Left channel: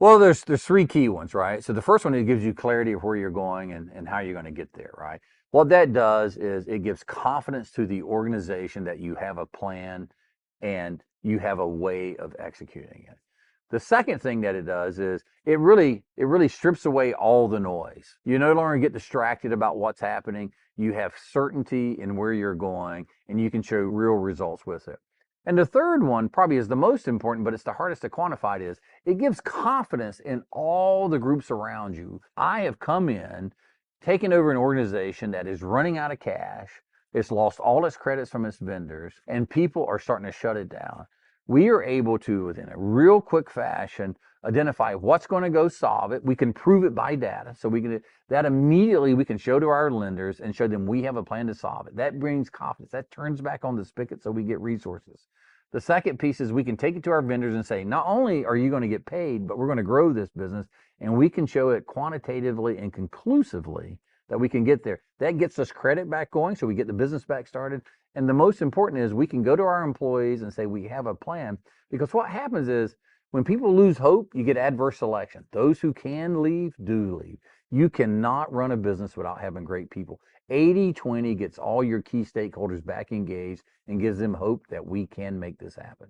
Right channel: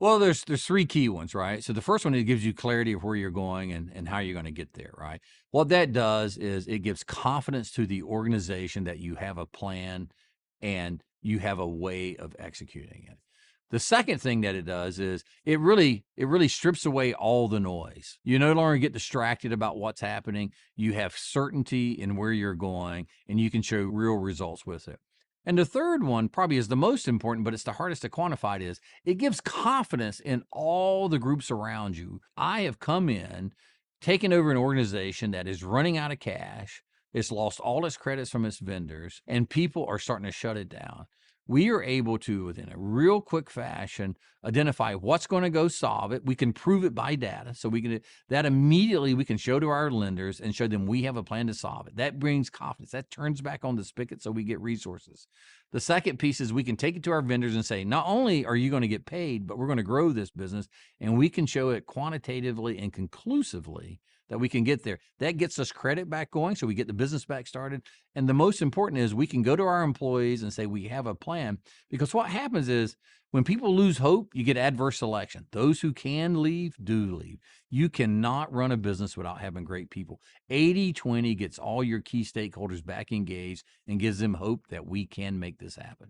Well, there's three key ones, right? So the first one, it gives you clarity of where you're going and how you're going to get there, right? What that does is it gives confidence to the organization that you have a plan and you have a way of executing it. The second thing that it does is it really strips away all the noise. You no longer get distracted about what's happening. You have certainty in where you're going and you can show real results with it. And the third one probably is the most important, but it's the hardest to quantify, is it gives confidence in all the groups around you. I have come in, taken over an organization that is running out of cash. It's lost all its credits from its vendors, and people are starting to shut it down. We are able to, within a real quick fashion, identify what's going to go solve it. We can prove it by data. So we can, that immediately we can show to our lenders and show them we have a plan to solve it. That brings confidence. That turns back on the spigot so we get resources. The second piece is we can take it to our vendors and say, not only are you going to get paid, but we're going to grow this business, and we can show it quantitatively and conclusively that we can get there. That gets us credit back going, so we get the business back started. And the most important is we can go to our employees and say we have a plan, because what happens is when people lose hope, you get adverse selection. Those who can leave do leave. You cannot run a business without having great people. 80-20 gets all your key stakeholders back engaged and gives them hope that we can make this happen.